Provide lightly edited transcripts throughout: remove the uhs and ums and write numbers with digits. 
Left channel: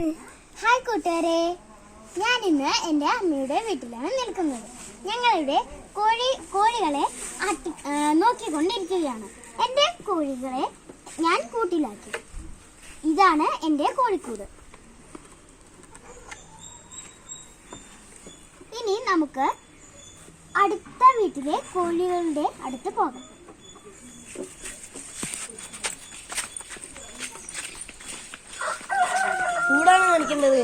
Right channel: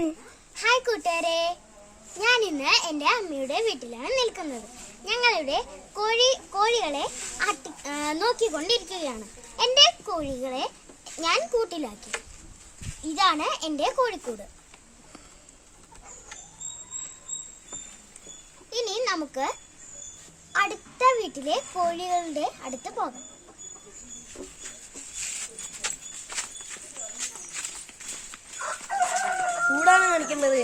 Hi കൂട്ടുകാരെ, ഞാൻ ഇന്ന് എൻ്റെ അമ്മയുടെ വീട്ടിലാണ് നിൽക്കുന്നത്. ഞങ്ങളുടെ കോഴികളെ നോക്കിക്കൊണ്ടിരിക്കുകയാണ്. എൻ്റെ കോഴികളെ ഞാൻ കൂട്ടിലാക്കി. ഇതാണ് എൻ്റെ കോഴിക്കൂട്. ഇനി നമുക്ക് അടുത്ത വീട്ടിലെ കോഴികളുടെ അടുത്ത് പോകാം. കൂടാണ് കളിക്കുന്നത്.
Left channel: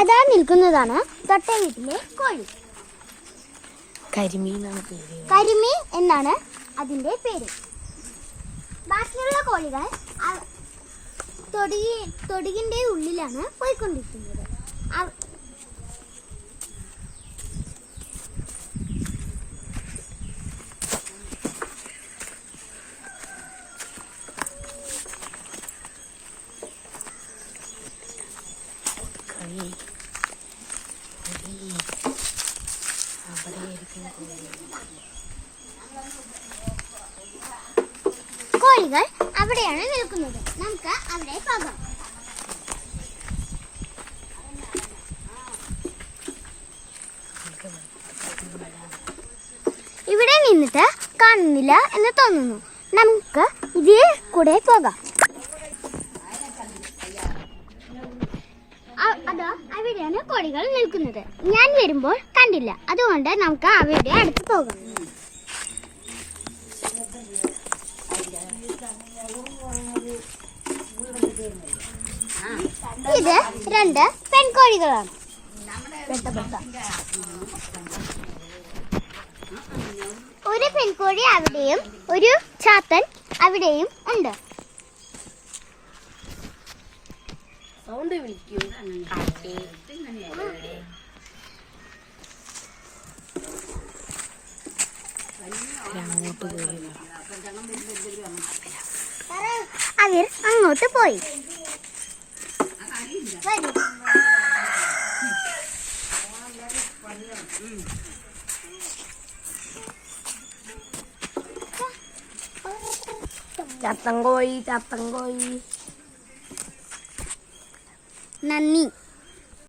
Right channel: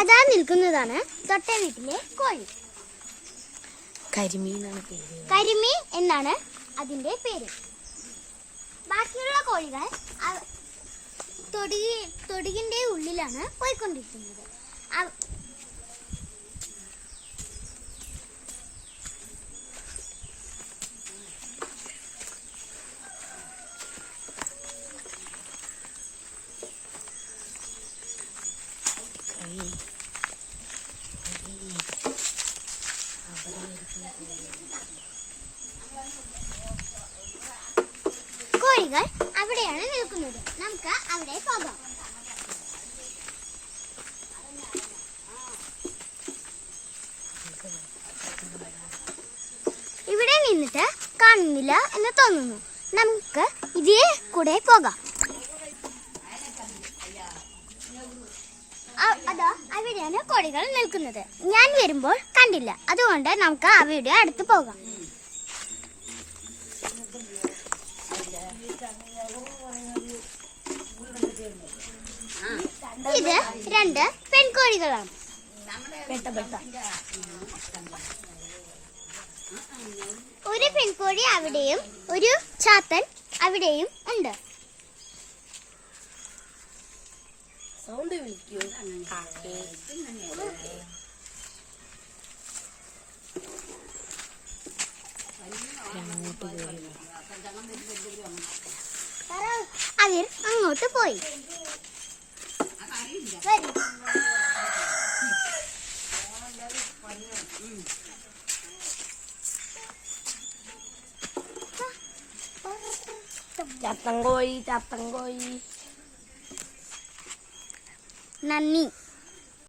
അതാ നിൽക്കുന്നതാണ് തൊട്ട വീട്ടിലെ കോഴി. കരിമീൻ എന്നാണ് അതിന്റെ പേര്. ബാക്കിയുള്ള കോഴികൾ തൊടികിന്റെ ഉള്ളിലാണ് പോയിക്കൊണ്ടിരിക്കുന്നത്. കോഴികൾ അവിടെയാണ് നിൽക്കുന്നത്. നമുക്ക് അവിടെ പോകാം. ഇവിടെ നിന്നിട്ട് കാണുന്നില്ല എന്ന് തോന്നുന്നു. നമുക്ക് ഇതിൽ കൂടെ പോകാം. അതോ അവിടെയാണ് കോഴികൾ നിൽക്കുന്നത്. ഞാൻ വരുമ്പോൾ കണ്ടില്ല, അതുകൊണ്ട് നമുക്ക് അവയുടെ അടുത്ത് പോകാം. ഇത് 2 പെൺകോഴികളാണ്. ഒരു പെൺകോഴി അവിടെയും ഒരു ചാത്തൻ അവിടെയും ഉണ്ട്. സൗണ്ട് വിളിക്കൂ. അവർ അങ്ങോട്ട് പോയി. ചത്തങ്കോയി. നന്ദി.